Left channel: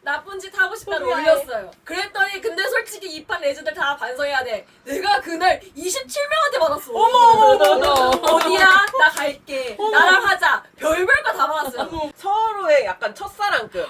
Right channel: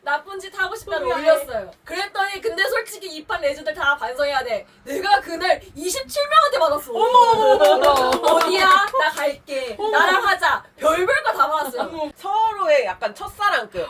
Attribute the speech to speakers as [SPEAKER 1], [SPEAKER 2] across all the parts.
[SPEAKER 1] 나쁜 짓 하고 싶다고 올렸어요. 그랬더니 근데 솔직히 이 판 레전드 다 반성해야 돼. 내가 그날 27명한테 받았어. 어머. 어디야? 나 갈게. 나랑 하자. 별별 거 다 받았어요.
[SPEAKER 2] 서로의 약간 첫사랑급.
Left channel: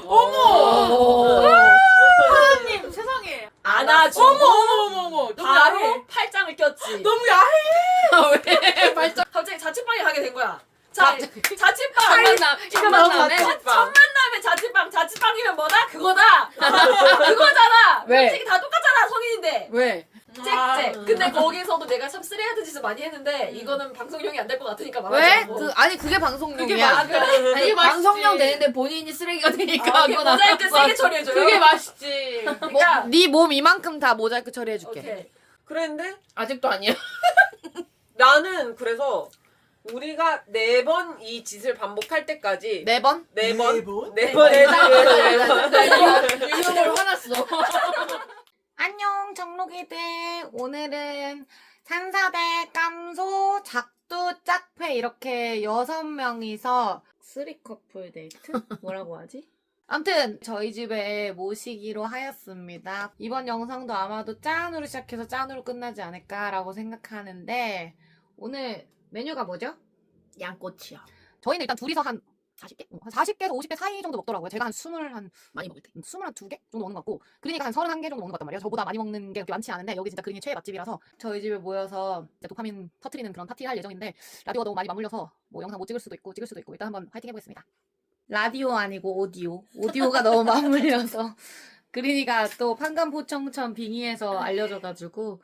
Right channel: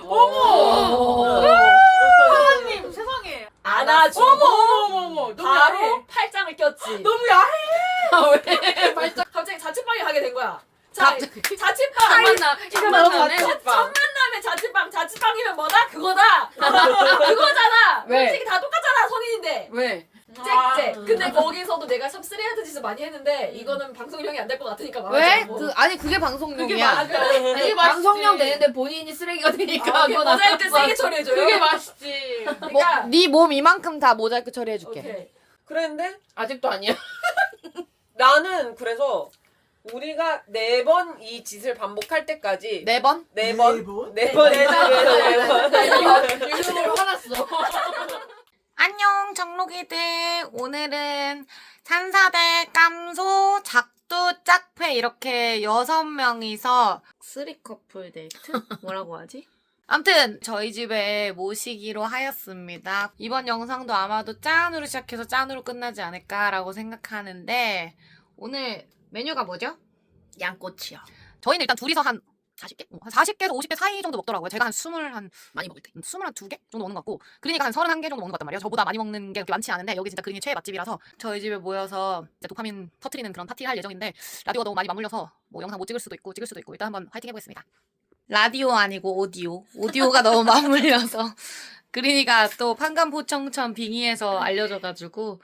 [SPEAKER 3] 하나님 세상에.
[SPEAKER 1] 안아주고
[SPEAKER 3] 어머. 너무 야해.
[SPEAKER 1] 바로 팔짱을 꼈지.
[SPEAKER 3] 너무 야해.
[SPEAKER 4] 왜? 발전.
[SPEAKER 1] 갑자기 자취방에 가게 된 거야. 자, 자취방.
[SPEAKER 4] 카이나. 이거 너무 좋네.
[SPEAKER 1] 첫 만남에 자취방. 자취방이면 뭐다? 그거다. 그거잖아.
[SPEAKER 4] 왜?
[SPEAKER 1] 솔직히 다 똑같잖아. 성인인데.
[SPEAKER 4] 왜?
[SPEAKER 1] 쨍쨍. 근데 거기서도 내가 참 쓰레기 짓을 많이 했는데 이거는 방송용이 안 될 것 같으니까
[SPEAKER 4] 왜?
[SPEAKER 1] 말하지 않고.
[SPEAKER 4] 아니 그게 방송용이야.
[SPEAKER 1] 아 그래?
[SPEAKER 3] 그게 맛있지.
[SPEAKER 4] 방송용 되는데 본인이 쓰레기가 되니까.
[SPEAKER 1] 이게 모자이크 세게 처리해줘요.
[SPEAKER 3] 그게 맛있지.
[SPEAKER 1] 그러니까
[SPEAKER 4] 네 몸 이만큼 다 모자이크 처리해줄게.
[SPEAKER 1] 오케이.
[SPEAKER 2] 그랬는데
[SPEAKER 4] 아직도 아니야.
[SPEAKER 2] 나는 그래서 우리가 4번 이 짓을 반복할 때까지
[SPEAKER 4] 네 번?
[SPEAKER 2] 4번?
[SPEAKER 1] 네
[SPEAKER 2] 4번?
[SPEAKER 4] 이거 화났어. 안녕 정록이들. 오늘은 산사대 깜소 작두 짝패 이렇게 6명이서 쓰리커플 데이트? 뭐라고 하지? 암튼 저희 집에 모시기로 하였습니다. 이번 영상도 아마도 짠으로 시작해서 짠으로 끝나지 않을까라고 생각하는데 오늘 메뉴가 뭐죠?
[SPEAKER 5] 양꼬치요.
[SPEAKER 4] 저희는 일단 둘이서 한 40개? 40개에서 50개 사이 정도 먹더라고요. 제가 한 20한
[SPEAKER 5] 많이 먹을 때.
[SPEAKER 4] 22개 정도 먹는 것 같고 그러니까 한 31개 정도 먹는 것 같단 말이에요. 저보다 많이 먹는 게 그렇게 많지 않은데 여기 진짜 그린이 최애 맛집이라서 저희 집에 모여서 이제 도파민 터트리는 그런 파티를 할 예정인데 라디오가 너무 많이 맞물려서 뭐 영상 못 찍을 수도 있고 찍을 수도 있고 일단 한번 화이팅 해보겠습니다. 라디오 아니고 오디오가 너무 맞물려서 그린이가 또 판감포청천 빙의해서 알려줘가지고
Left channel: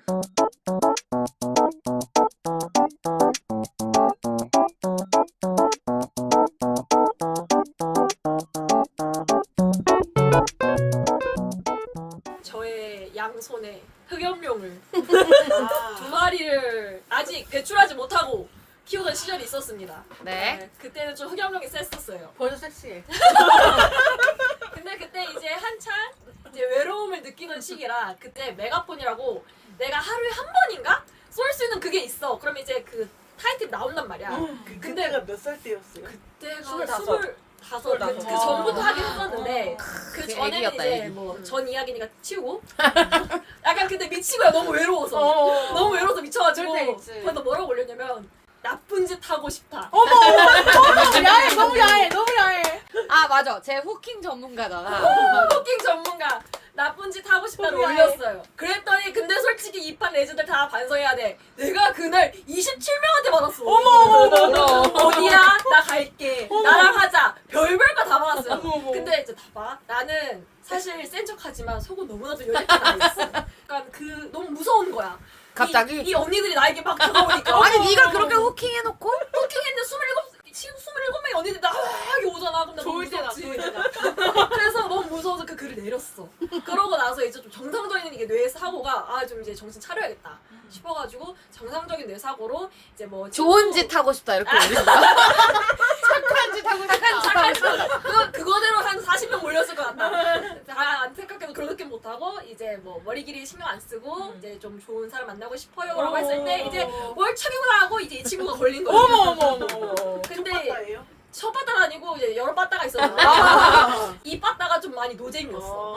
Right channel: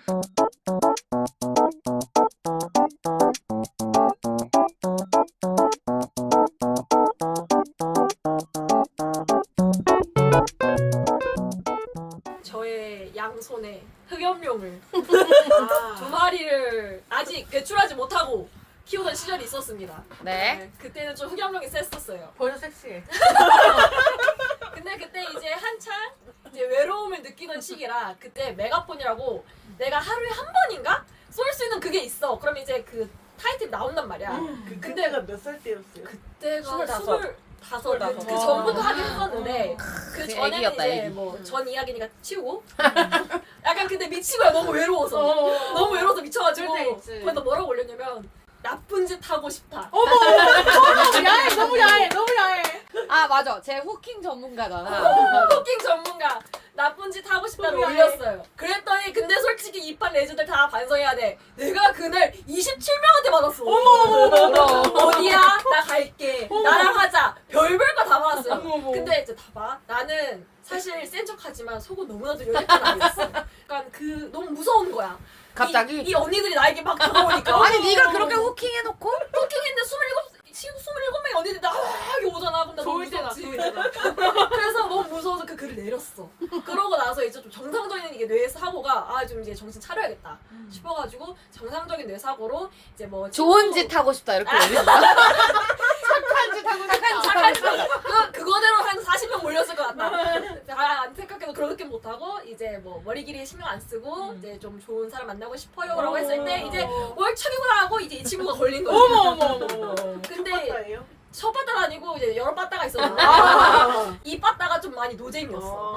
[SPEAKER 1] 저의 양손에 흑염룡을 두 마리를 아직 배출하지 못하고 키우던 시절이 있었습니다.
[SPEAKER 4] 네.
[SPEAKER 1] 그때는 좀 흑염룡이 셌었어요.
[SPEAKER 3] 벌써 섹시해.
[SPEAKER 1] 근데 그때 이제 한창 이제 외로움을 느끼는 시기라 그때 메가폰이라고 내가 하루에 한 번인가 쏠 수 있는 그게 있어. 그럼 이제 그 타이틀 나온단 말이야. 근데
[SPEAKER 3] 그때가 몇 살 때였어요?
[SPEAKER 1] 그때가
[SPEAKER 2] 25.
[SPEAKER 1] 25. 그 전부터 하긴 했었는데 그 전에는
[SPEAKER 4] 애기였다,
[SPEAKER 1] 이제
[SPEAKER 4] 애기.
[SPEAKER 1] 뭐 전 이야기니까 치우고 약간 근데 미친 거야. 너무 외로워서. 너무 외로워서 미쳐가지고
[SPEAKER 3] 그럴 때 있지.
[SPEAKER 1] 거기다 뭐라고 올렸냐면 나쁜 짓 하고 싶다.
[SPEAKER 3] 야해. 너무 야해.
[SPEAKER 4] 아 맞아 제 후킹 전문가잖아.
[SPEAKER 1] 토킹 전문가 나쁜 짓 하고 싶다고
[SPEAKER 3] 너무
[SPEAKER 1] 올렸어요. 그랬더니 근데 솔직히 이 판 레전드 다 반성해야 돼. 내가 그날 27명한테 받았어. 어디야? 나 갈게. 나랑 하자. 별별 거 다 받았어요. 근데 이제 봐봐. 나는 사실 센 척하지만 속은 너무나도 여자끼리 아니었어. 그러니까 그 너무 무서운 거야.
[SPEAKER 4] 갑자기?
[SPEAKER 1] 이 언니들이 나에게 막 다가오니까.
[SPEAKER 4] 아니 네가 그렇게 후킹해놓고
[SPEAKER 1] 토킹했는데 27명의 언니들이 나하게 오잖아. 그럼 나 너무
[SPEAKER 3] 좋을 때다.
[SPEAKER 1] 무섭지. 그래서 너무 무서워서 그 글을 내렸어. 그러고 나서 이제 좀 정상적인 이게 뇌 사고가 아 좀 이제 정신 차려야겠다 싶어가지고 정상적인 뇌 사고로 이제 뭐
[SPEAKER 4] 좋은 짓 하고 싶다 이렇게 올린 거야.
[SPEAKER 3] 착한 짓 하고
[SPEAKER 4] 착한 짓 하고 싶다.
[SPEAKER 1] 그거대로 한 40명 몰렸을 것 같다. 안타깝게도 그런 느낌 못 하고 이제 뭐 머리 길이 신경 안 쓰고 이제 좀 좋은 사람 만나고 싶어요라고 했을 때 이제 월척이구나 하고 이제 이 친구가 걸린 거야.
[SPEAKER 3] 어머.
[SPEAKER 1] 근데 첫 바다가 아니고 이제 여러 바다가 있었잖아. 이 바다가 좀 많이 노잼이었어.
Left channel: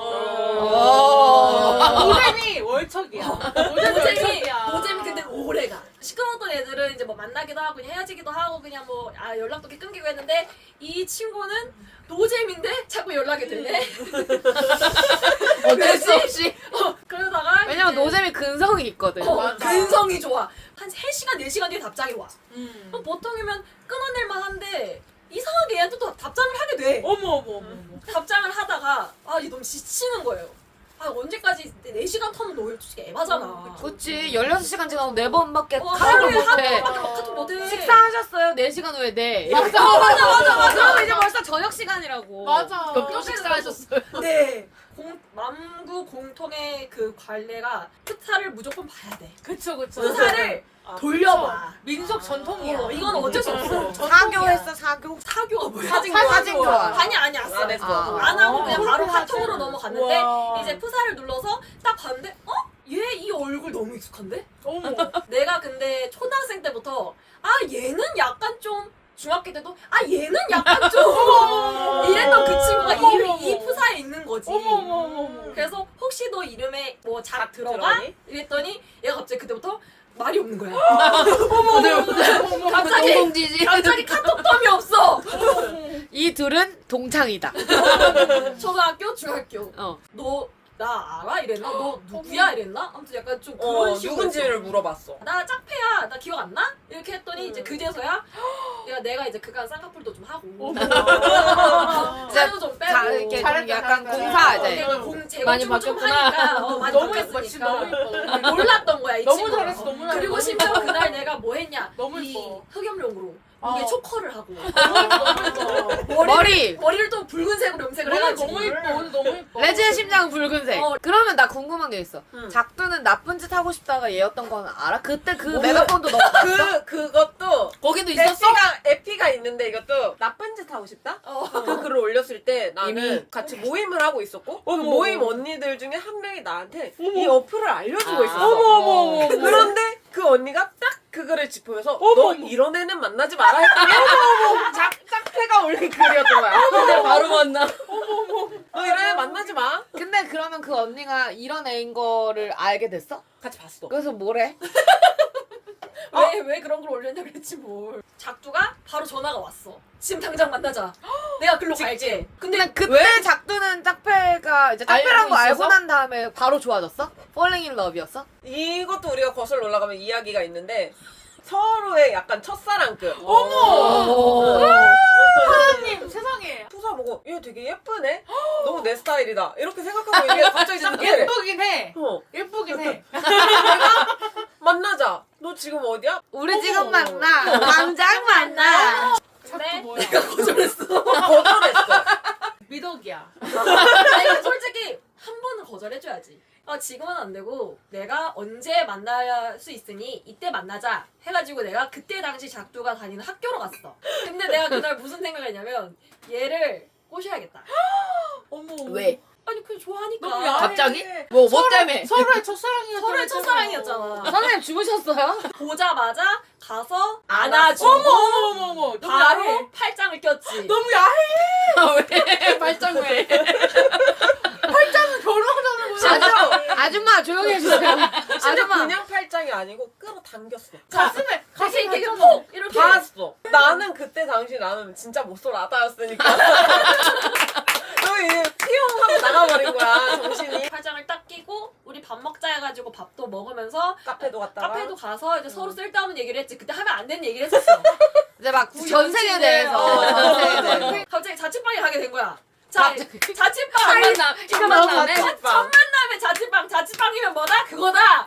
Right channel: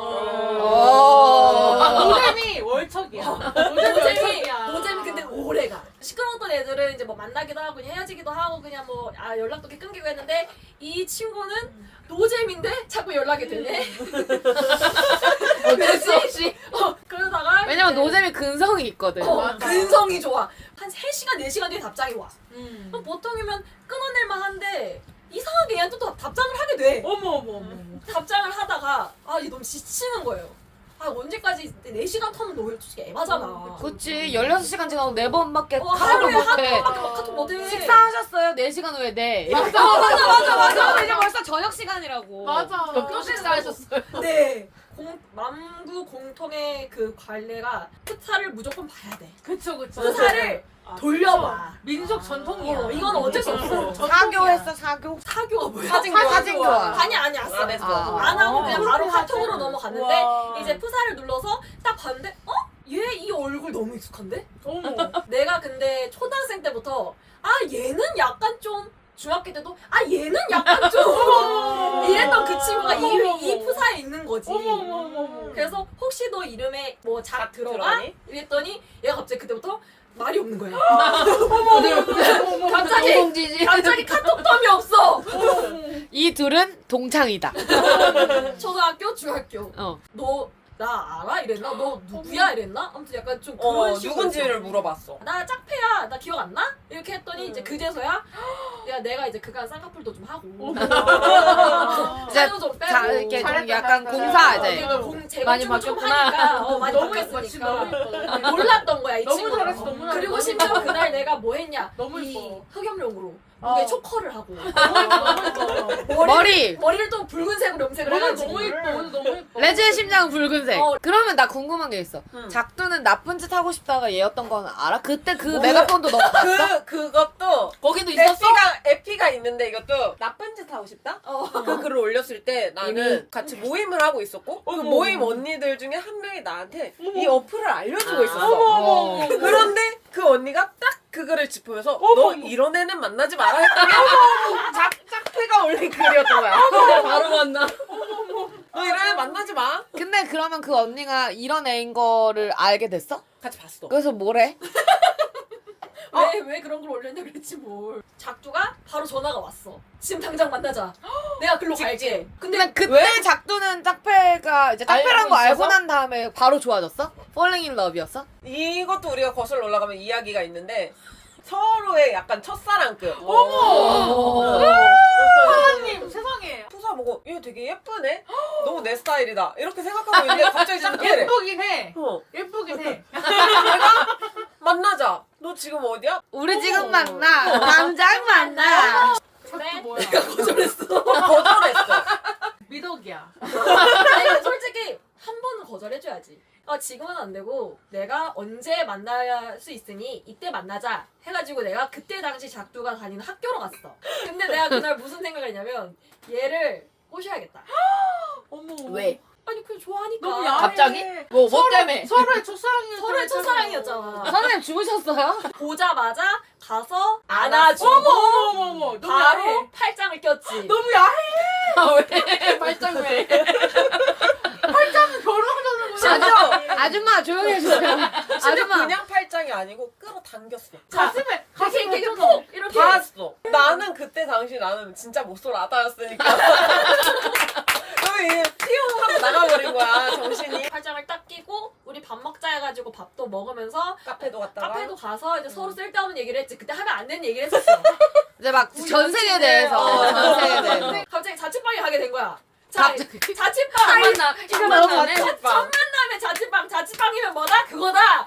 [SPEAKER 3] 노잼이 월척이야.
[SPEAKER 1] 노잼이 근데 오래가. 시끄러웠던 애들은 이제 뭐 만나기도 하고 그냥 헤어지기도 하고 그냥 뭐 연락도 이렇게 끊기고 했는데 이 친구는 노잼인데 자꾸 연락이 되네.
[SPEAKER 4] 어쩔 수 없이.
[SPEAKER 1] 그러다가
[SPEAKER 4] 왜냐면
[SPEAKER 1] 이제
[SPEAKER 4] 노잼이 근성이 있거든.
[SPEAKER 1] 근성이 좋아. 한 3시간 4시간 뒤에 답장이 와. 그럼 보통이면 끊어낼만 한데 이상하게 얘한테 또 답장을 하게 돼.
[SPEAKER 3] 어머.
[SPEAKER 1] 답장을 하다가 얘 너무 지치는 거예요. 언제까지 4시간 터는 너 솔직히 애바잖아.
[SPEAKER 4] 그치 16시간 지나도 4번밖에 카톡을
[SPEAKER 1] 하루에
[SPEAKER 4] 못해.
[SPEAKER 1] 한 번밖에 카톡 못해.
[SPEAKER 4] 식사하셨어요? 4시간 후에 네.
[SPEAKER 1] 맞아.
[SPEAKER 4] 그럼 이제 벌써 저녁 시간이라고.
[SPEAKER 3] 맞아.
[SPEAKER 4] 몇 식사하셨어요?
[SPEAKER 1] 네. 남구 공통의 그 관례가 프사를 무조건 봐야 돼.
[SPEAKER 3] 그쵸.
[SPEAKER 1] 프사를 돌려봐.
[SPEAKER 3] 민속 전통이야.
[SPEAKER 1] 이건 어쩔 수 없어.
[SPEAKER 4] 사교했어 사교?
[SPEAKER 1] 사교가 뭐야?
[SPEAKER 4] 사진 교환.
[SPEAKER 1] 아니 안 했어.
[SPEAKER 2] 안 했어.
[SPEAKER 1] 안 하고 그냥 바로
[SPEAKER 3] 그렇게
[SPEAKER 1] 카톡으로
[SPEAKER 3] 하지.
[SPEAKER 1] 넘어갔는데
[SPEAKER 3] 와.
[SPEAKER 1] 이제 프사를 눌러서 딱 봤는데 얘 이 얼굴 너무 익숙한데?
[SPEAKER 3] 어머.
[SPEAKER 1] 내가 근데 초등학생 때부터 얘는 약간 좀 중학교 때도 아 얘는 약간 좀 이랬던 그 친구가 이 푸사에 있는 거지. 그래서 혹시 너 이름에 뭐 작 들어가?
[SPEAKER 2] 들어가니?
[SPEAKER 1] 이랬더니 얘가 갑자기 그때부터 말이 없는 거야.
[SPEAKER 5] 공공지지.
[SPEAKER 1] 갑자기 카톡텀이 없어.
[SPEAKER 5] 이 둘은 동창이다.
[SPEAKER 1] 초등학교, 중학교.
[SPEAKER 5] 어.
[SPEAKER 1] 너 나 알아? 이랬나? 너 누구야? 이랬나? 아무튼 약간 좀 그런 식으로
[SPEAKER 2] 누군지를
[SPEAKER 1] 했어.
[SPEAKER 2] 물어봤어.
[SPEAKER 1] 나 짝패야. 나 기억 안 나? 이렇게 했더니 이제 그제서야 야 내가 이제 그간 쌍꺼풀도 좀 하고 살도 좀 빼고
[SPEAKER 5] 자, 이렇게 좀
[SPEAKER 3] 잘했다,
[SPEAKER 5] 약간
[SPEAKER 3] 잘했다.
[SPEAKER 5] 공사
[SPEAKER 1] 이제
[SPEAKER 5] 이제.
[SPEAKER 1] 제거
[SPEAKER 5] 많이
[SPEAKER 1] 좀
[SPEAKER 5] 바뀌었구나.
[SPEAKER 1] 하니까 많이
[SPEAKER 3] 너무 예뻐 진짜 너무
[SPEAKER 1] 바뀌었으니까
[SPEAKER 3] 예뻐.
[SPEAKER 1] 몰랐던 거야 이
[SPEAKER 3] 너무
[SPEAKER 1] 친구가.
[SPEAKER 3] 잘했어 너무 잘했어.
[SPEAKER 1] 그리고 심지어 그날 내가 뭐 했냐
[SPEAKER 3] 너무
[SPEAKER 1] 이
[SPEAKER 3] 예뻐.
[SPEAKER 1] 흑염룡으로 목에 초커를 하고
[SPEAKER 3] 너무 예뻐.
[SPEAKER 1] 머리를 또 붉은색으로 염색을
[SPEAKER 3] 오늘
[SPEAKER 1] 해가지고
[SPEAKER 3] 너무 예뻐. 오늘 너무 예뻐.
[SPEAKER 5] 레즈의 심장은 붉은색.
[SPEAKER 1] 어.
[SPEAKER 5] 그러면 나 궁금한 게 있어.
[SPEAKER 2] 응.
[SPEAKER 5] 작두는 나쁜 짓 하고 싶다가 얘였던 건 알아? 그때 그
[SPEAKER 2] 몰라.
[SPEAKER 5] 메가폰도 너무 봤어?
[SPEAKER 2] 그것도
[SPEAKER 5] 거기도
[SPEAKER 2] 에피가 있는데 이것도 나쁜 짓 하고 싶다? 그 글을 올렸을 때 나는
[SPEAKER 5] 이미?
[SPEAKER 2] 같이 모임을 하고 있었고 그
[SPEAKER 3] 어머,
[SPEAKER 2] 모임
[SPEAKER 3] 어머.
[SPEAKER 2] 언니들 중에 한 명이 나한테
[SPEAKER 3] 어머.
[SPEAKER 2] 이 어플을 알려주고
[SPEAKER 5] 아.
[SPEAKER 2] 있었어.
[SPEAKER 3] 어머.
[SPEAKER 2] 그런데 그 언니가 딱 그거를 짚으면서
[SPEAKER 3] 어머,
[SPEAKER 2] 너
[SPEAKER 3] 어머.
[SPEAKER 2] 이런 애는 만나지 마라 했더니 짝패가 올린 글이었던 거야.
[SPEAKER 5] 바로 만나.
[SPEAKER 2] 너 이런 애 만나지 마.
[SPEAKER 5] 근데 그러면 그 언니가 이런 애인 거를 알게 됐어?
[SPEAKER 2] 같이 봤어.
[SPEAKER 5] 그래서 뭐래?
[SPEAKER 1] 왜 그런 걸 올렸냐 그랬지 뭘. 작두가 바로 전화가 왔어. 지금 당장 만나자. 내가 글로 갈게. 근데
[SPEAKER 5] 근데 그때 작두는 짝패가 이제 짝패란 거 알고
[SPEAKER 1] 있어서?
[SPEAKER 5] 난 다음에 바로 좋아졌어? Falling in Love였어?
[SPEAKER 2] 이것도 우리가 거슬러 올라가면 이야기가 있는데 서로의 약간 첫사랑급.
[SPEAKER 3] 사장님 세상에.
[SPEAKER 2] 푸사 보고 얘 되게 예쁘네? 너무 내 스타일이다. 이렇게 생각하고 있는데 갑자기 저렇게
[SPEAKER 3] 예쁘긴 해.
[SPEAKER 2] 예쁘긴
[SPEAKER 3] 해.
[SPEAKER 2] 내가 만나자. 너 지금 어디야?
[SPEAKER 5] 우리 지금 만나. 당장 만나.
[SPEAKER 1] 근데
[SPEAKER 3] 뭐야?
[SPEAKER 1] 거절했어.
[SPEAKER 2] 거절했어.
[SPEAKER 3] 미덕이야.
[SPEAKER 1] 아니 솔직히 한 번은 거절해줘야지. 지금은 안 되고 내가 언제 만날 수 있으니 이때 만나자 해가지고 내가 그때 당시 작두가 다니는 학교로 갔어. 근데 내가 그날 무슨 생각을 했냐면 얘를 꼬셔야겠다.
[SPEAKER 3] 어머.
[SPEAKER 5] 왜?
[SPEAKER 1] 아니 그냥 좋아하니까.
[SPEAKER 3] 너무 야해.
[SPEAKER 5] 갑자기? 뭐 때문에?
[SPEAKER 3] 서로의 첫사랑이었잖아.
[SPEAKER 1] 서로의 첫사랑이었잖아.
[SPEAKER 5] 선생님 죽으셨어요?
[SPEAKER 1] 보자마자 가서
[SPEAKER 2] 안아주고.
[SPEAKER 3] 어머. 너무
[SPEAKER 1] 바로
[SPEAKER 3] 야해.
[SPEAKER 1] 팔짱을 꼈지.
[SPEAKER 3] 너무 야해.
[SPEAKER 5] 왜? 발전 왜?
[SPEAKER 3] 결혼하자는 거야.
[SPEAKER 5] 아줌마 조용히 해주세요.
[SPEAKER 2] 진짜
[SPEAKER 5] 아줌마.
[SPEAKER 2] 그냥 팔짱이 아니고 끌어당겼어.
[SPEAKER 3] 가슴에
[SPEAKER 1] 다시 이렇게
[SPEAKER 3] 펼쳐서.
[SPEAKER 1] 푹 이렇게.
[SPEAKER 2] 닿았어. 나는 그때 당시 나는 진짜 못쏠 아다였으니까. 너무 튀어하고 나가버린 거야 정신이.
[SPEAKER 1] 팔짱을 딱 끼고 우리 밥 먹자 해가지고 밥도 먹으면서
[SPEAKER 2] 카페도 갔다가.
[SPEAKER 1] 카페도 가서 이제 서로 쓸데없는 얘기를 했지. 그때 하면 안 되는 얘기를 했었어.
[SPEAKER 5] 이제 막 전생에 대해서. 전생에 대해서.
[SPEAKER 1] 갑자기 자취방에 가게 된 거야. 자,
[SPEAKER 5] 갑자기.
[SPEAKER 1] 자취방
[SPEAKER 5] 만나.
[SPEAKER 2] 이거 너무
[SPEAKER 5] 만나네.
[SPEAKER 2] 자취방.
[SPEAKER 1] 다음에 자취방이면 뭐다? 그거다.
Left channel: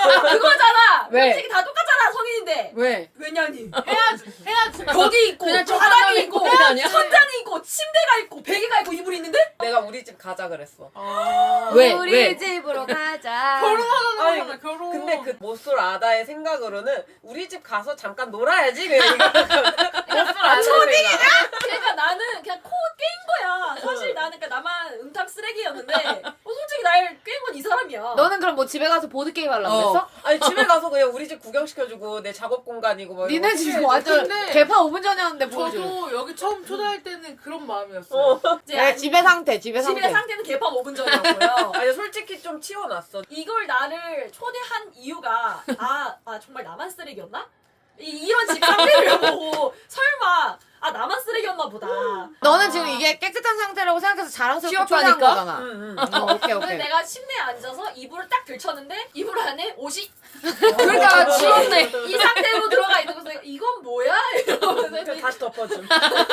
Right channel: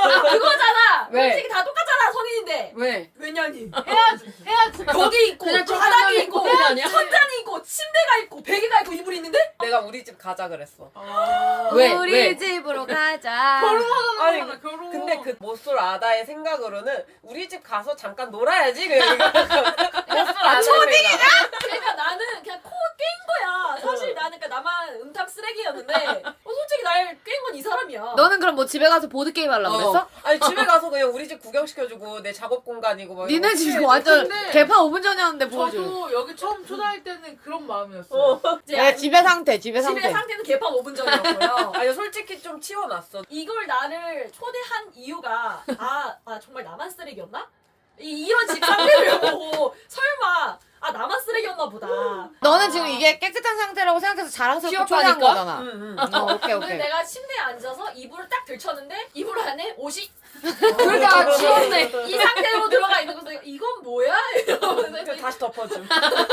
[SPEAKER 1] 그거잖아.
[SPEAKER 5] 왜?
[SPEAKER 1] 솔직히 다 똑같잖아 성인인데.
[SPEAKER 5] 왜?
[SPEAKER 1] 왜냐니?
[SPEAKER 3] 해야지.
[SPEAKER 1] 벽이 있고
[SPEAKER 5] 그냥 저
[SPEAKER 1] 바닥이
[SPEAKER 5] 한강에
[SPEAKER 1] 있고
[SPEAKER 5] 있는 거 아니야?
[SPEAKER 1] 천장이 있고 침대가 있고 베개가 있고 이불이 있는데
[SPEAKER 2] 내가 우리 집 가자 그랬어.
[SPEAKER 5] 왜?
[SPEAKER 1] 아.
[SPEAKER 5] 우리
[SPEAKER 1] 왜?
[SPEAKER 5] 집으로 가자.
[SPEAKER 3] 결혼하자는
[SPEAKER 2] 아니,
[SPEAKER 3] 거잖아. 결혼.
[SPEAKER 2] 근데 그 못쏠 아다의 생각으로는 우리 집 가서 잠깐 놀아야지. 그냥 이거 못쏠 아다의 생각.
[SPEAKER 1] 그러니까 나는 그냥 코 깬 거야. 사실 나는 그러니까 나만 음탕 쓰레기였는데 솔직히 날 깬 건 이 사람이야.
[SPEAKER 5] 너는 그럼 뭐 집에 가서 보드게임 하려고 그랬어?
[SPEAKER 2] 아니 집에 가서 그냥 우리 집 구경시켜주고 내 작업 공간이고 뭐 이런
[SPEAKER 5] 니네
[SPEAKER 2] 거
[SPEAKER 5] 집
[SPEAKER 2] 취해주고.
[SPEAKER 5] 완전
[SPEAKER 3] 근데
[SPEAKER 5] 개파 5분 전이었는데 보여줘.
[SPEAKER 3] 저도 여기 처음 초대할 때는 그런 마음이었어요.
[SPEAKER 1] 이제
[SPEAKER 5] 내 집의 상태, 집의 상태.
[SPEAKER 1] 집의 상태는 개판 5분 전이었고요.
[SPEAKER 2] 아니 솔직히 좀 치워놨어.
[SPEAKER 1] 이걸 나를 초대한 이유가 정말 나만 쓰레기였나? 이런 집 상태를 보고 설마 나만 쓰레기였나 보다.
[SPEAKER 5] 너는 지금 이게 깨끗한 상태라고 생각해서 자랑스럽게
[SPEAKER 2] 취업하니까?
[SPEAKER 5] 초대한 거잖아.
[SPEAKER 2] 응.
[SPEAKER 5] 오케이,
[SPEAKER 1] 근데
[SPEAKER 5] 오케이.
[SPEAKER 1] 내가 침대에 앉아서 이불을 딱 들쳤는데 이불 안에 옷이
[SPEAKER 5] 둘 다 치웠네.
[SPEAKER 1] 이 상태로 들어가 있는 거서 이건 뭐야? 이러면서
[SPEAKER 2] 그냥 다시 덮어줌.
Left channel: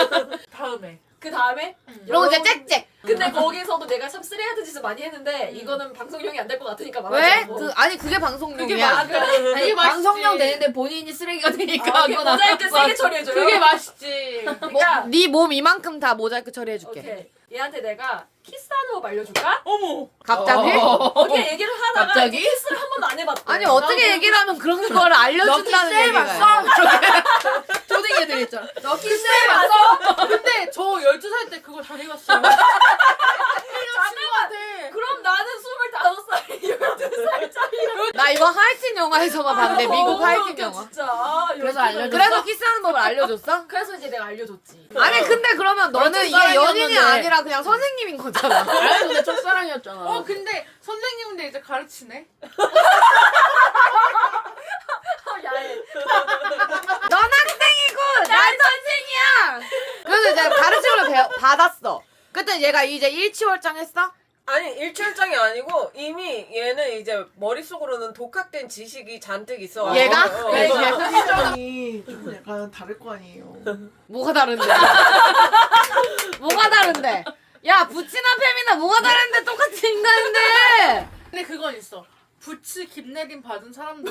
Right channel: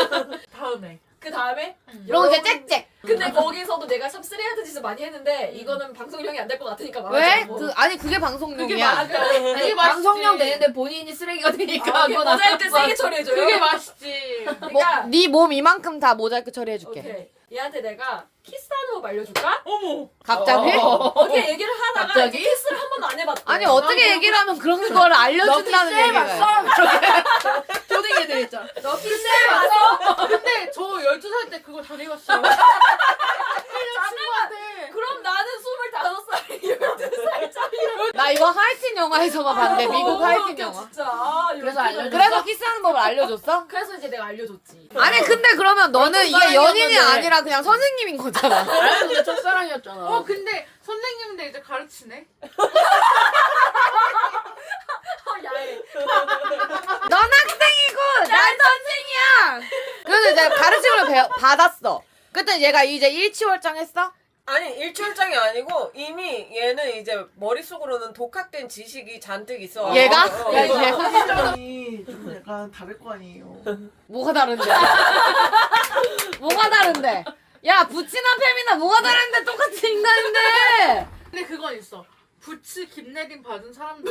[SPEAKER 3] 다음에.
[SPEAKER 1] 그 다음에
[SPEAKER 5] 그리고 이제 짹짹.
[SPEAKER 1] 근데 거기서도 내가 참 쓰레기 같은 짓을 많이 했는데 이거는 방송용이 안 될 것 같으니까
[SPEAKER 5] 왜?
[SPEAKER 1] 말하지 않고.
[SPEAKER 5] 아니 그게 방송용이야.
[SPEAKER 1] 그래?
[SPEAKER 3] 그게 맛있지.
[SPEAKER 6] 방송용 되는데 본인이 쓰레기가 되니까
[SPEAKER 1] 이게 모자이크 세게 처리해줘요.
[SPEAKER 3] 그게 맛있지.
[SPEAKER 1] 그러니까
[SPEAKER 5] 네 몸 이만큼 다 모자이크 처리해줄게.
[SPEAKER 1] 오케이. 얘한테 내가 키스하는 법 알려줄까?
[SPEAKER 3] 어머.
[SPEAKER 5] 갑자기?
[SPEAKER 1] 어떻게 얘기를 하다가
[SPEAKER 6] 갑자기?
[SPEAKER 1] 키스를 한 번도 안 해봤대.
[SPEAKER 5] 아니 어떻게 얘기를 하면 그런 걸 알려준다는 얘기가.
[SPEAKER 6] 초딩 애들 있잖아.
[SPEAKER 1] 너 키스해봤어?
[SPEAKER 3] 근데 저 12살 때 그거 다 해봤어요.
[SPEAKER 1] 그럼 나는 25살이 12살짜리.
[SPEAKER 5] 나 나 이거 하이틴 영화에서만 봤는데 미국 하이틴 영화.
[SPEAKER 1] 진짜.
[SPEAKER 6] 그래서 알려줬어?
[SPEAKER 5] 그래서 키스하는 법을 알려줬어?
[SPEAKER 1] 그래서 이제 내가 알려줬지.
[SPEAKER 5] 아니 근데 그러면 너는 이게
[SPEAKER 6] 첫사랑이었는데.
[SPEAKER 5] 연인이 아니라 그냥 선생님인 거잖아.
[SPEAKER 6] 아니 근데 첫사랑이었잖아.
[SPEAKER 3] 근데 선생님인데 이제 가르치네?
[SPEAKER 1] 야해.
[SPEAKER 5] 넌 학생이고 난 선생이야. 그래서 내가 가르침을 받았어. 그때 얘가 이제 일치월장했어?
[SPEAKER 2] 아니 일출장이 아니고 이미 얘는 이제 머릿속으로는 독학된 지식이 잔뜩 있어.
[SPEAKER 5] 얘가?
[SPEAKER 2] 어.
[SPEAKER 5] 야, 이제
[SPEAKER 7] 사실이 좀 약간 다를 거 아니에요.
[SPEAKER 5] 뭐가 다른데? 뭐가 다른데? 야 부치나 팸이나 뭐가 다른데 똑같은 인간인데.
[SPEAKER 3] 근데 그건 있어. 부츠 김내림 받은 사람들은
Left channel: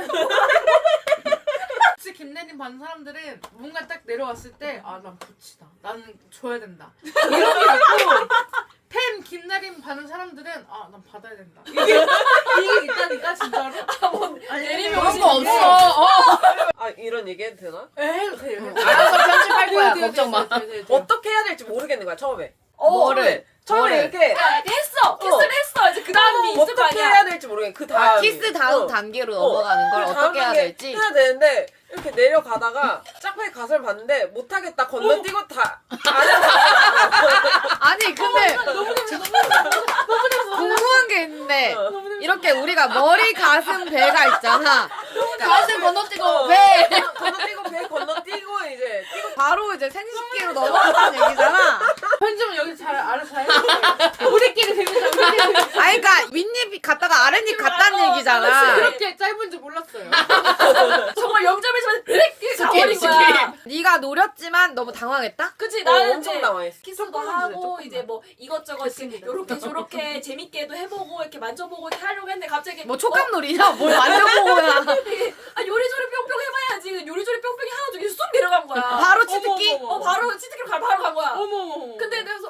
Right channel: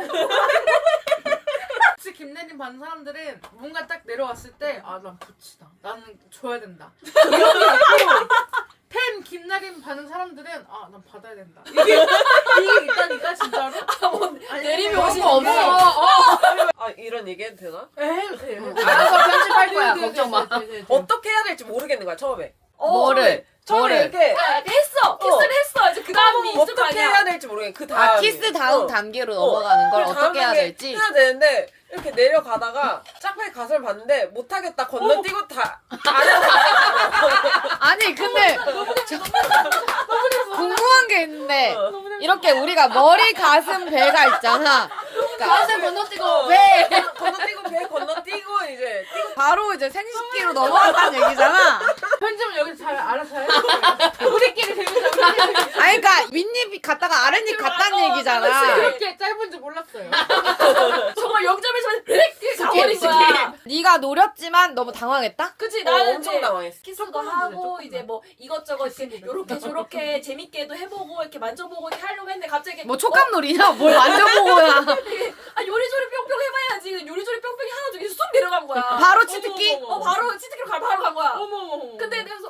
[SPEAKER 3] 부츠 김내림 받은 사람들은 뭔가 딱 내려왔을 때 아 난 부츠다. 나는 줘야 된다. 이런 게 있고 팬 김내림 받은 사람들은 아 난 받아야 된다. 이게 있다니까 진짜로.
[SPEAKER 1] 내림이
[SPEAKER 6] 그런
[SPEAKER 1] 오시는
[SPEAKER 6] 거 없어.
[SPEAKER 2] 아 이런 얘기 해도 되나?
[SPEAKER 3] 해도 돼.
[SPEAKER 6] 알아서 편집할 거야. 걱정 마.
[SPEAKER 2] 어떻게 해야 될지 모르겠는 거야 처음에.
[SPEAKER 5] 뭐를?
[SPEAKER 2] 처음에
[SPEAKER 5] 뭐를?
[SPEAKER 2] 이렇게
[SPEAKER 1] 했어. 키스를 했어. 이제 그 다음이 있을 거
[SPEAKER 2] 어떻게
[SPEAKER 1] 아니야.
[SPEAKER 2] 해야 될지 모르겠어. 그 다음.
[SPEAKER 5] 아 키스 다음 단계로 넘어가는 걸 어떻게 해야 될지.
[SPEAKER 2] 해야 되는데 이렇게 내려가다가 짝패 가설 봤는데 못하겠다 건너뛰고 다 아래로 가.
[SPEAKER 5] 아니 근데 궁금한 게 있는데 이렇게 우리가 머리 가슴 배가 있잖아.
[SPEAKER 6] 가슴 건너뛰고.
[SPEAKER 5] 배
[SPEAKER 2] 건너뛰고 배 건너뛰고 이제 뛰고
[SPEAKER 5] 바로 이제 생식기로 넘어간다는 얘기잖아.
[SPEAKER 3] 편집은 여기 잘 알아서 해. 우리끼리 재밌어.
[SPEAKER 5] 아니 그러니까 윗입 갔다가 아랫입 갔다는 얘기잖아.
[SPEAKER 3] 그렇게 짧은지 몰랐어요.
[SPEAKER 1] 정말 0.1초만 이렇게 가버린 거야.
[SPEAKER 5] 네가 노렸지만 너무 당황했다?
[SPEAKER 1] 그치 나는
[SPEAKER 2] 엄청
[SPEAKER 1] 이제
[SPEAKER 2] 당황했어.
[SPEAKER 1] 키스도 하고 이제 뭐 이것저것 요렇게 저렇게 재밌게도 해보고 이렇게 만져보고 이렇게 하려고 했는데 갑자기
[SPEAKER 5] 뭐 촉감놀이냐? 뭘 만져보고야.
[SPEAKER 1] 아 요리조리 뿅뿅 해봐야지. 요리조리 뿅뿅이 하나 저기 쑥 내려간 거야.
[SPEAKER 5] 바로 치트키?
[SPEAKER 1] 바로 치트키로 바로 간 거야.
[SPEAKER 3] 어머.
[SPEAKER 1] 근데 내가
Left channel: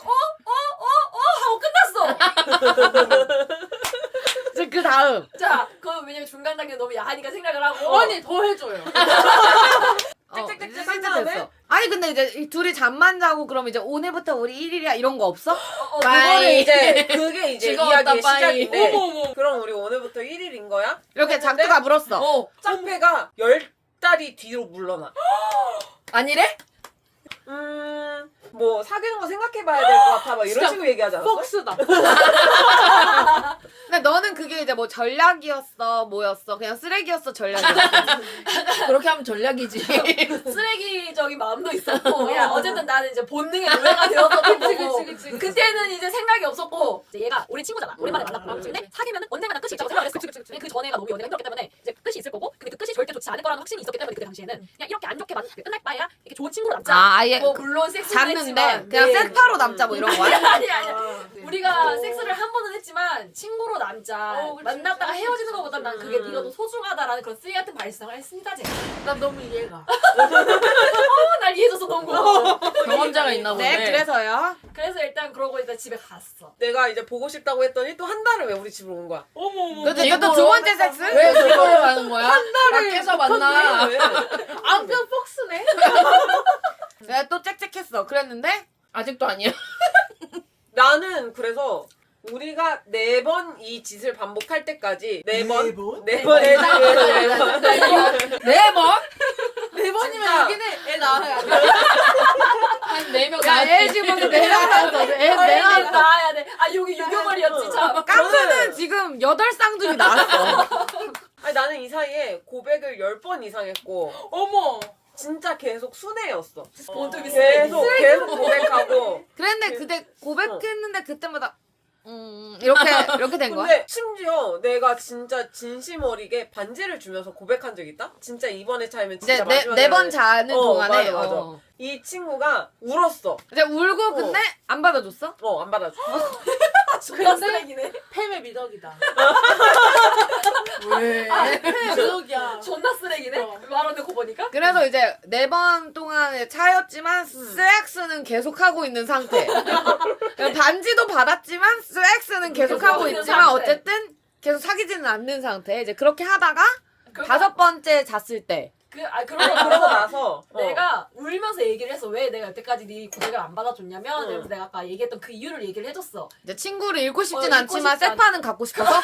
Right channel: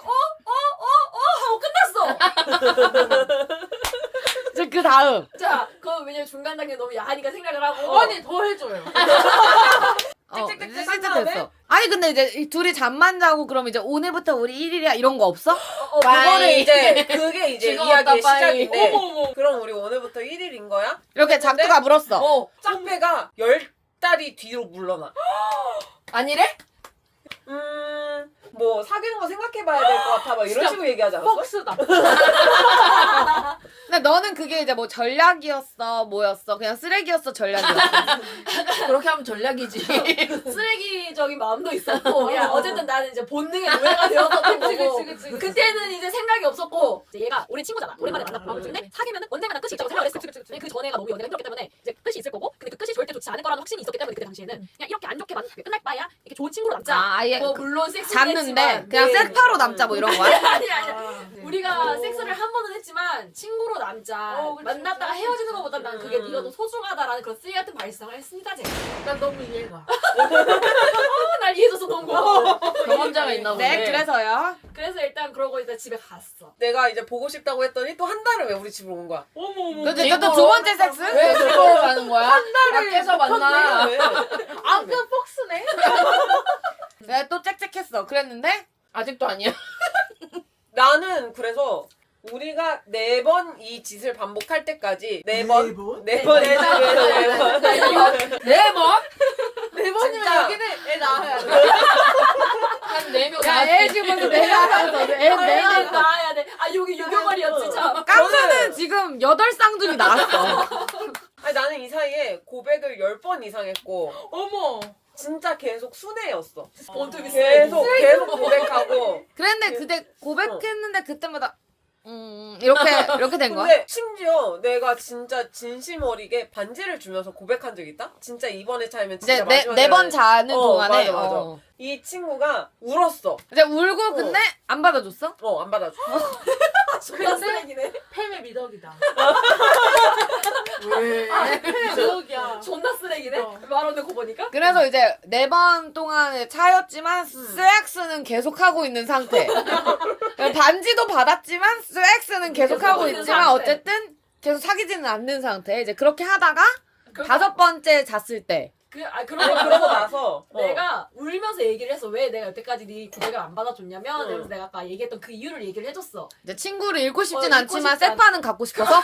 [SPEAKER 1] 하고 끝났어.
[SPEAKER 5] 이제 그 다음.
[SPEAKER 1] 자, 그건 왜냐면 중간 단계 너무 야하니까 생각을 하고.
[SPEAKER 3] 아니 더 해줘요.
[SPEAKER 2] 짹짹짹
[SPEAKER 5] 이제
[SPEAKER 2] 한
[SPEAKER 5] 시트
[SPEAKER 2] 다음에?
[SPEAKER 5] 됐어. 아니 근데 이제 이 둘이 잠만 자고 그러면 이제 오늘부터 우리 1일이야 이런 거 없어?
[SPEAKER 2] 그거를 이제 그게 이제
[SPEAKER 6] 즐거웠다,
[SPEAKER 2] 이야기의
[SPEAKER 6] 빨리.
[SPEAKER 2] 시작인데
[SPEAKER 3] 어머.
[SPEAKER 2] 그럼 우리 오늘부터 1일인 거야?
[SPEAKER 5] 이렇게 작두가 물었어.
[SPEAKER 2] 짝패가 10달이 뒤로 물러나.
[SPEAKER 6] 아니래?
[SPEAKER 2] 뭐 사귀는 거 생각해봐야 될 것 같아 막 이런
[SPEAKER 3] 진짜
[SPEAKER 2] 식으로 얘기하지 않았어?
[SPEAKER 3] 폭스다.
[SPEAKER 5] 근데 너는 그게 이제 뭐 전략이었어 뭐였어 그냥 쓰레기였어 전략이었어.
[SPEAKER 6] 그렇게 하면 전략이지.
[SPEAKER 1] 쓰레기적인 마음도 있었고 그냥 어쨌든 나는 이제 본능의 노예가 되었던 거고
[SPEAKER 3] 그치.
[SPEAKER 1] 그때는 이제 생각이 없었고 이제 얘가 우리 친구잖아 오랜만에 만났고 근데 사귀면은 언젠가 끝이 있다고 생각을 했어. 근데 그 전에가 너무 연애가 힘들었기 때문에 이제 끝이 있을 거고 근데 그 끝이 절대 좋지 않을 거라는 확신이 있었기 때문에 그때 당시에는 그냥 이렇게 안 좋게 끝날 바에야 이렇게 좋은 친구로 남자.
[SPEAKER 5] 아 아예
[SPEAKER 1] 뭐 물론 섹스는
[SPEAKER 5] 잤는데
[SPEAKER 1] 했지만
[SPEAKER 5] 그냥
[SPEAKER 1] 네.
[SPEAKER 5] 섹파로 남자 뭐 이런 거야?
[SPEAKER 1] 아니 우리가 섹스를 한 번은 했지만 친구로 남자 만났다가 헤어지는 것보다 난 그게 네가 더 소중하다라는 그런 쓰레기 같은 발상을 했습니다 제가.
[SPEAKER 3] 난 너무 이해가.
[SPEAKER 1] 날 이해해줘서 너무 고마워.
[SPEAKER 6] 경험자가 있나 보네.
[SPEAKER 5] 네 그래서요.
[SPEAKER 1] 그래서 일단 그러고 이제 집에 갔어.
[SPEAKER 2] 내가 이제 보고 싶다고 했더니 또 한 달을 왜 우리 집으로 온 거야?
[SPEAKER 3] 어머.
[SPEAKER 5] 그래서 이것도 두 번째 섹스?
[SPEAKER 6] 왜 그걸 하는 거야? 밖에서 만나.
[SPEAKER 2] 왜?
[SPEAKER 3] 아그 폭스네.
[SPEAKER 5] 내가 또 짹짹했어. 그랬는데
[SPEAKER 6] 아직도 아니야.
[SPEAKER 2] 나는 그래서 우리가 4번 이 짓을 반복할 때까지 4번?
[SPEAKER 7] 네 번?
[SPEAKER 2] 4번?
[SPEAKER 6] 네 번?
[SPEAKER 3] 네 번이면
[SPEAKER 2] 진짜.
[SPEAKER 3] 여기는 애 낳아야 돼.
[SPEAKER 6] 한 4명.
[SPEAKER 5] 야 애 지금 벌써 4명 낳았어. 애 낳았어.
[SPEAKER 1] 나야 돼. 아 여기 유교벌이었지 참.
[SPEAKER 5] 깡수는 지금 8쌍둥이 낳았어.
[SPEAKER 2] 아니 나는 이 사이에 고백을 10번 이상 했고
[SPEAKER 3] 어머.
[SPEAKER 2] 진짜 계속 순애였어.
[SPEAKER 1] 본투비
[SPEAKER 2] 계속 고백하고
[SPEAKER 5] 그랬는데 그때 고백했는데 그때마다 이렇게 된 거야?
[SPEAKER 2] 근데 심지어 내가 진짜 진심 어리게 반지를 주면서 고백한 적 있다? 진짜 이번에 차이면 진짜
[SPEAKER 5] 이제
[SPEAKER 2] 마지막에
[SPEAKER 5] 네 번 자는 동안에
[SPEAKER 2] 맞아. 이 친구가 울었어.
[SPEAKER 5] 이제 울고 근데 안 받아줬어?
[SPEAKER 2] 안 받아줘.
[SPEAKER 1] 존나 쓰레기네.
[SPEAKER 3] 팸의 미덕이다.
[SPEAKER 6] 왜?
[SPEAKER 3] 팸의 미덕이야.
[SPEAKER 1] 존나 쓰레기네. 말하는 거 보니까.
[SPEAKER 5] 그래서 이제 4번 동안에 차였지만 섹스는 계속하고 있는 상태. 반지도 받았지만 섹스는 계속하고
[SPEAKER 1] 있는
[SPEAKER 5] 있지만
[SPEAKER 1] 상태.
[SPEAKER 5] 어쨌든 계속 사귀지는 않는 상태. 이제 그렇게 하다가 5번째 잤을 때
[SPEAKER 2] 그러고 나서
[SPEAKER 1] 내가 울면서 얘기를 했어. 왜 내가 여태까지 네 고백을 안 받아줬냐면 그래서 내가 아까 얘기했던 그 이유를 얘기를 해줬어.
[SPEAKER 5] 내 친구를 잃고 싶진
[SPEAKER 1] 잃고
[SPEAKER 5] 않지만
[SPEAKER 1] 싶지
[SPEAKER 5] 세파는 갖고 싶어서.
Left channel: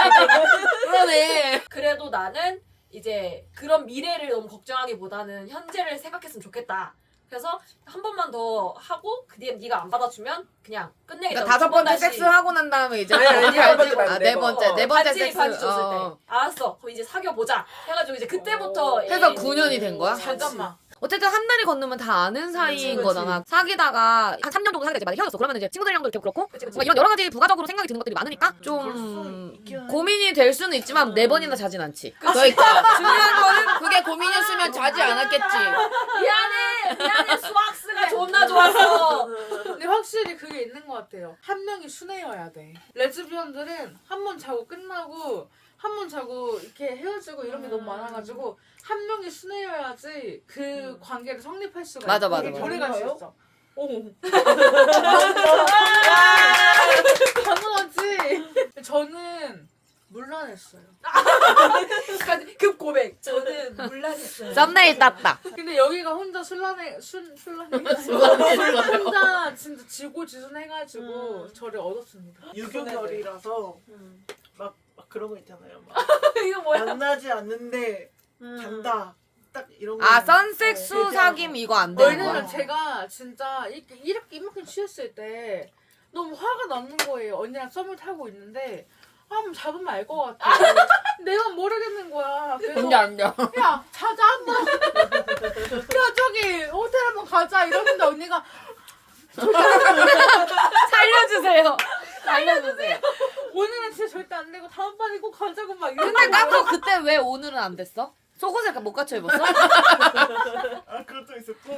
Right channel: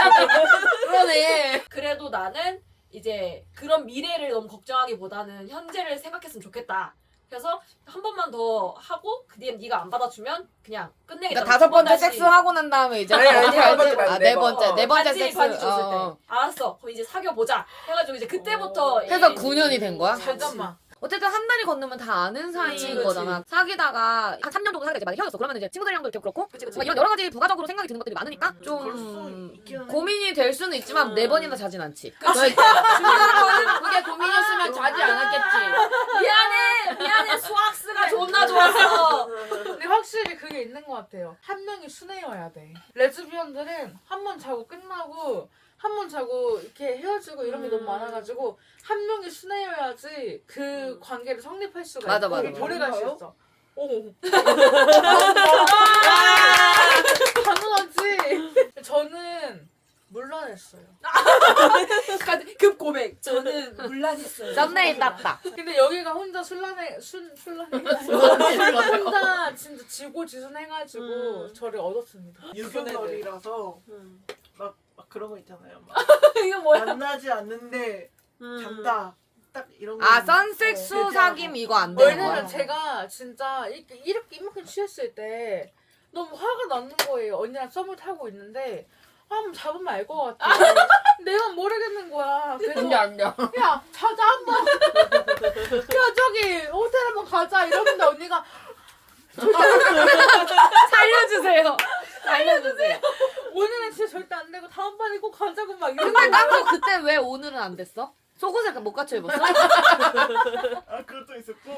[SPEAKER 5] 그러네.
[SPEAKER 1] 그래도 나는 이제 그런 미래를 너무 걱정하기보다는 현재를 생각했으면 좋겠다. 그래서 한 번만 더 하고 그 뒤에 네가 안 받아주면 그냥 끝내겠다.
[SPEAKER 5] 그러니까 5번째 섹스 하고 난 다음에 이제
[SPEAKER 2] 아니, 네 번째 말고
[SPEAKER 5] 아,
[SPEAKER 2] 네
[SPEAKER 5] 네
[SPEAKER 2] 번.
[SPEAKER 5] 번째 네 번째
[SPEAKER 1] 반지
[SPEAKER 5] 섹스.
[SPEAKER 1] 반지 줬을
[SPEAKER 5] 어.
[SPEAKER 1] 때 알았어. 그럼 이제 사귀어 보자. 해가지고 이제 그때부터
[SPEAKER 5] 그래서
[SPEAKER 1] 이-
[SPEAKER 5] 9년이 된 거야?
[SPEAKER 3] 잠깐만.
[SPEAKER 5] 어쨌든 한 달이 건너면 다 아는 사이인
[SPEAKER 1] 그치.
[SPEAKER 5] 거잖아. 사귀다가 한 3년 정도 사귀다 이제 만약 헤어졌어. 그러면 이제 친구들이랑도 이렇게 그렇고 뭔가 이런 여러 가지 부가적으로 생각이 드는 것들이 많으니까 좀 고민이 될 수는 있지만 4번이나 자진 않지.
[SPEAKER 6] 그러니까 중요한 거는 그게 고민이었으면 자지 않았겠지.
[SPEAKER 1] 미안해 수학스가 존나 좋았어.
[SPEAKER 3] 근데 확실히 그게 있는 것 같아요. 한 명이 순애여야 돼. 레즈비언들은 한 번 자고 끝나고 한 번 자고 이렇게 헤어지고 이런 게 너무 많아가지고 한 명이 순애여야지 그 관계를 성립할 수가
[SPEAKER 5] 맞아,
[SPEAKER 3] 있고
[SPEAKER 5] 맞아, 맞아.
[SPEAKER 3] 오래 갈 수 있어. 당연하지. 저는 물러냈어요.
[SPEAKER 1] 급 고백. 저는 물란했어요.
[SPEAKER 5] 썸네일 땄다.
[SPEAKER 3] 근데 여기가 혼자 혼자 진짜 지고지순해가지고 저를 얻었습니다.
[SPEAKER 7] 유교결이라서 막 그런 거 있잖아요. 막
[SPEAKER 1] 이거 뭐야?
[SPEAKER 7] 만나지 않는데 잔다. 딱 이런 거.
[SPEAKER 5] 아 선섹스 사귐 이거 안 되는 거야?
[SPEAKER 3] 왜냐면 제가 진짜 이렇게 이만큼 취했을 때 너무 화가 나는 거예요. 언니랑 썸을 타고 있는데 한번 잡으면 알 것 같아. 내가 모르겠는 거야. 그래서
[SPEAKER 6] 안돼.
[SPEAKER 3] 야 자자 한번. 야 저기 호텔 한번 가자 이러는데 언니가
[SPEAKER 5] 살려주세요. 살려주세요.
[SPEAKER 3] 오늘은 진짜 절대 안 되고 다음번에 꼭 가자고 막
[SPEAKER 5] 근데
[SPEAKER 3] 이러는 거야.
[SPEAKER 5] 깜짝 그때 왜 오늘은 안 됐어? 속옷을 못 갖춰 입었어?
[SPEAKER 7] 아 그것도 있었고.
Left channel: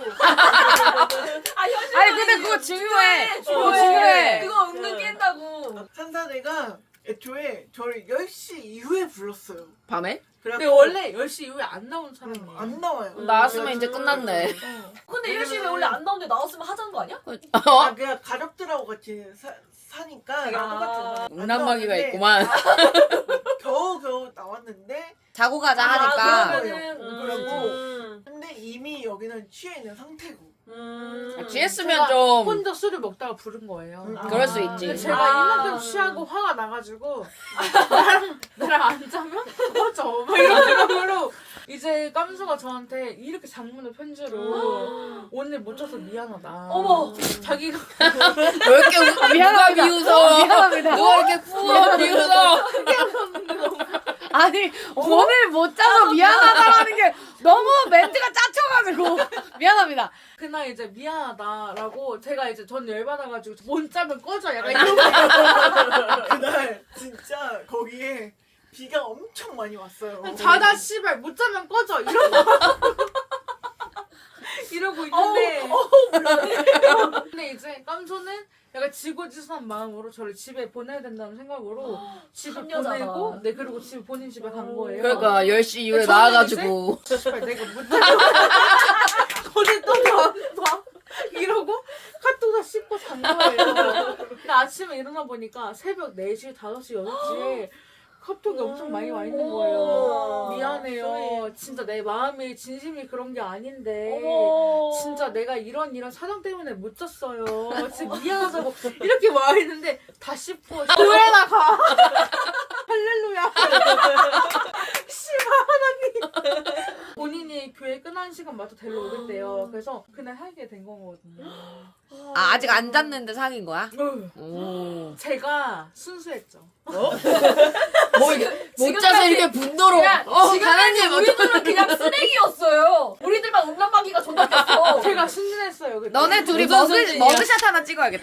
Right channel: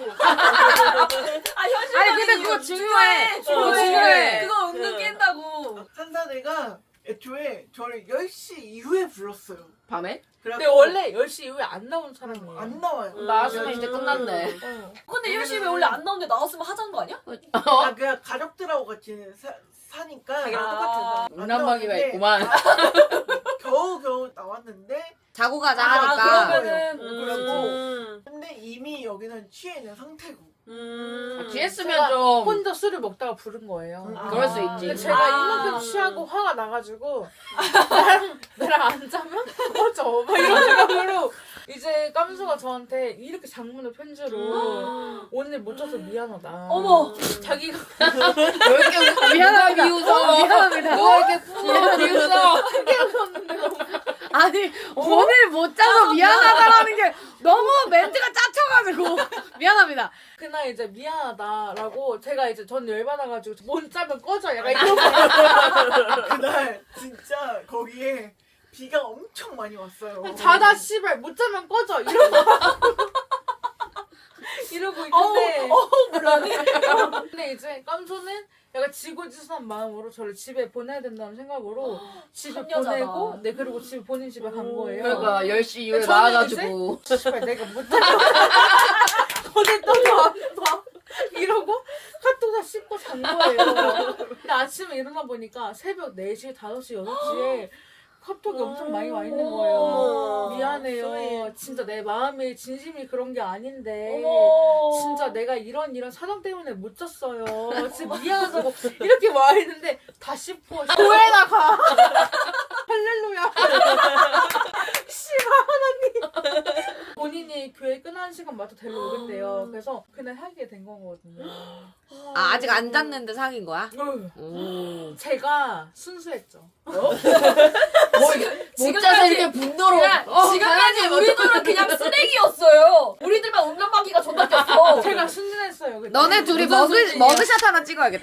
[SPEAKER 5] 아니 근데 그거 중요해. 그거 중요해.
[SPEAKER 1] 그거 은근 깬다고.
[SPEAKER 7] 산사대가 애초에 저를 10시 이후에 불렀어요.
[SPEAKER 6] 밤에?
[SPEAKER 3] 근데 원래 10시 이후에 안 나온 사람이에요.
[SPEAKER 7] 안 나와요.
[SPEAKER 6] 나왔으면 이제 끝났네.
[SPEAKER 1] 근데 열심히 원래 안 나오는데 나왔으면 하자는 거 아니야?
[SPEAKER 7] 아 그냥 가족들하고 같이 사니까
[SPEAKER 6] 운남마기가
[SPEAKER 7] 나왔는데
[SPEAKER 6] 있구만.
[SPEAKER 7] 겨우 나왔는데
[SPEAKER 5] 자고 가자 하니까.
[SPEAKER 1] 그러면은
[SPEAKER 7] 그러고 근데 이미 여기는 취해 있는 상태고.
[SPEAKER 6] 취했으면
[SPEAKER 3] 제가
[SPEAKER 6] 좀
[SPEAKER 3] 혼자 술을 먹다가 부른 거예요.
[SPEAKER 6] 그럴 수 있지.
[SPEAKER 3] 근데 제가 이만큼 취하고 화가 나가지고 나랑 안 자면 꺼져 막 이런 생각으로 이제 깜수가 저한테 이렇게 장문의 편지로 오늘 못 자서 미안하다.
[SPEAKER 1] 어머.
[SPEAKER 3] 자기가
[SPEAKER 6] 왜 이렇게 누가 비웃어?
[SPEAKER 5] 미안합니다.
[SPEAKER 6] 누가 이렇게 푸어 비웃어?
[SPEAKER 3] 깨어섰는데 너무
[SPEAKER 5] 아니 오늘 못 자서 미안하다라는 게 너무 멘트가 짜쳐가지고 미안합니다.
[SPEAKER 3] 그날 이제 미안하다라고 제가 이제 전 열받아가지고 못 자면 꺼져 약간 이런 거.
[SPEAKER 7] 그날 진짜 거기에 비가 엄청 많이 왔어요.
[SPEAKER 3] 자다 씨발 못 자면 꺼져 이러고 있는데 근데 이제 깜소는 약간 지고지순한 마음으로 저를 집에 보내야 된다는 생각으로 집에
[SPEAKER 1] 한여자다.
[SPEAKER 3] 보내고 네 그리고 집에 본인 집에 간 거예요.
[SPEAKER 6] 그러니까 10시 이후에
[SPEAKER 3] 저는
[SPEAKER 6] 나와가지고
[SPEAKER 3] 씨발 내가 못 자면 거기 또안 봐. 이러고 카톡 다 씹고 잔 거예요. 근데 아침에 일어나 보니까 새벽 4시, 5시, 6시에 카톡이 엄청 많이 와 있는 거예요. 미안해요. 진짜 내 마음이 진심이 그런 게 아닌데 진짜 내가 이런 사정 때문에 못 잤어요. 진짜 미안하다고 이렇게 와 있는데 다 씹고 교회나 가. 할렐루야. 씨발 하나님. 본인이 교회 끝나는 시간마다 데려오겠대요. 그래서 그날 하게 된 거거든요.
[SPEAKER 5] 아 아직 안 잤는데 사귄 거야? 오.
[SPEAKER 3] 제가 순수했죠.
[SPEAKER 6] 못 자서 이렇게 분노로
[SPEAKER 1] 지금까지 우리들은 그냥 쓰레기였어요. 우리들만 운명방기가 존나 꼈어.
[SPEAKER 3] 제가 순진했어요. 그때.
[SPEAKER 5] 너네 둘이
[SPEAKER 6] 무슨 소리야?
[SPEAKER 5] 머그샷 하나 찍어야겠다.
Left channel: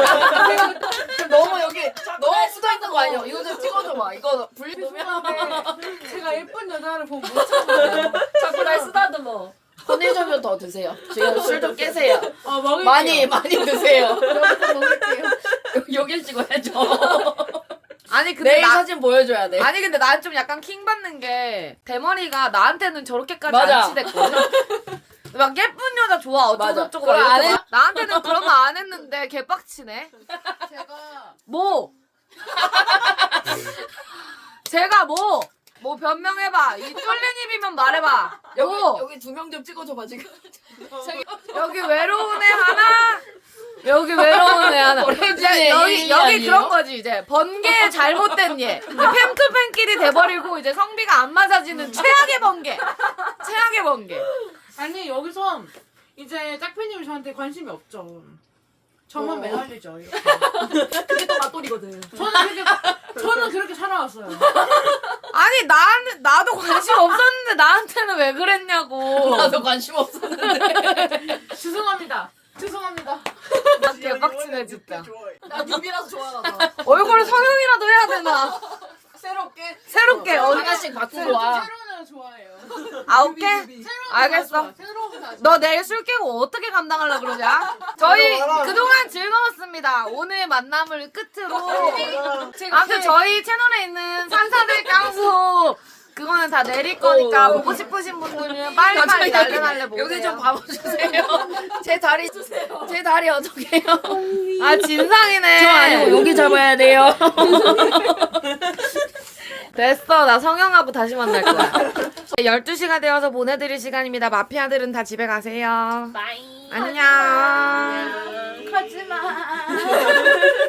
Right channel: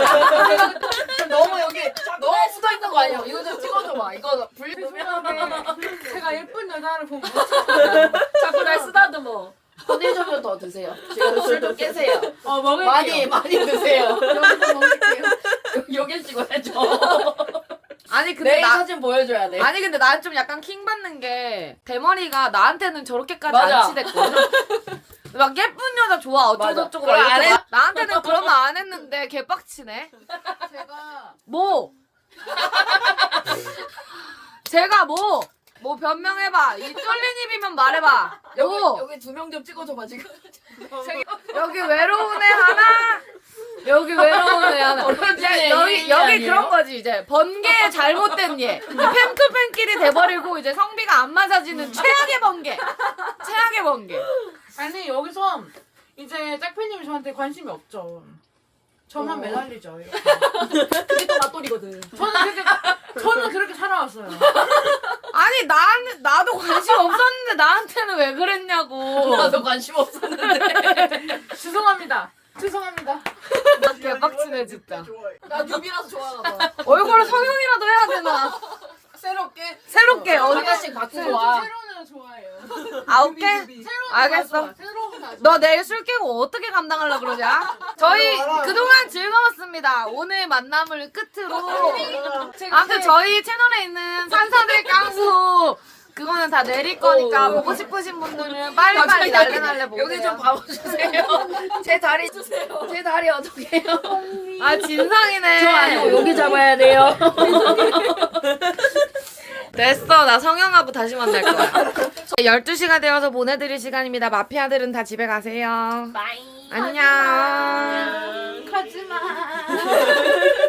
[SPEAKER 6] 너무 여기 너무 묻어있는 거 아니야? 이거 좀 찍어줘봐. 이거
[SPEAKER 3] 근데 제가 예쁜 여자를 보면 못 참아요.
[SPEAKER 1] 자꾸 날 쓰다듬어.
[SPEAKER 6] 혼내주면 더 드세요. 지금 술 좀 깨세요.
[SPEAKER 3] 먹을게요.
[SPEAKER 6] 많이 드세요. 여길 찍어야죠.
[SPEAKER 5] 아니 근데
[SPEAKER 6] 내일 사진 보여줘야 돼.
[SPEAKER 5] 아니 근데 난 좀 약간 킹 받는 게 대머리가 나한테는 저렇게까지
[SPEAKER 6] 맞아.
[SPEAKER 5] 안 치댔거든. 막 예쁜 여자 좋아 어쩌고저쩌고 막
[SPEAKER 6] 맞아. 그거
[SPEAKER 5] 이렇게
[SPEAKER 6] 안
[SPEAKER 5] 막 나한테는 그런 거 안 했는데 개빡치네.
[SPEAKER 3] 제가
[SPEAKER 5] 뭐? 제가 뭐? 뭐 변명해봐. 이 쫄린 입이면 말해봐.
[SPEAKER 6] 여기 2명 좀 찍어줘봐 지금.
[SPEAKER 5] 여기 외로운 애 하나. 여기 외로운 애 하나. 여기 그런 거지 이제 번개 잘못된 얘. 팬투팬끼리 돼버리고 이제 성비가 안 맞아지는 최악의 번개. 최악의 번개.
[SPEAKER 3] 아니 여기서 이제 짝피님이 저한테 관심이 없죠. 저만 매달리죠. 이렇게.
[SPEAKER 1] 그게 또 맞돌이거든.
[SPEAKER 3] 저는 그렇게 살아왔어요.
[SPEAKER 5] 아니 나도 관심 없었는데 나한테는 왜 그랬냐고.
[SPEAKER 6] 나도 관심 없었는데.
[SPEAKER 3] 죄송합니다. 죄송합니다.
[SPEAKER 5] 나 개빡치네 진짜.
[SPEAKER 1] 나 뉴비라서 좋아하나 봐.
[SPEAKER 5] 얼굴 성형이라도 해야 되나. 새롭게
[SPEAKER 6] 하나씩 바꾸고 와.
[SPEAKER 3] 새로운 애 좋아해요.
[SPEAKER 5] 아 오케이. 알겠어.
[SPEAKER 3] 새로운 애
[SPEAKER 5] 너 내일 술 깨고 어떻게 감당하려 그러냐? 저희 그동안 즐거웠습니다. 오늘 만남을 끝으로 아무튼 저희 채널에 있는 산사들 깡수 그거는 다 내릴 거니까 보고 싶으신 분들은 빨리빨리 날래날래 보세요.
[SPEAKER 6] 여기 좀 봐주세요. 제 다리 주세요. 제 다리 어떡해요?
[SPEAKER 5] 아 진상이네.
[SPEAKER 6] 여기 잡아야 돼요.
[SPEAKER 5] 됐어. 나 성형하고 다시 만날 거야. 12시가 되어서 보내드릴 시간입니다. 마피아들은 다 집에 가세요. 안녕.
[SPEAKER 3] 가지마.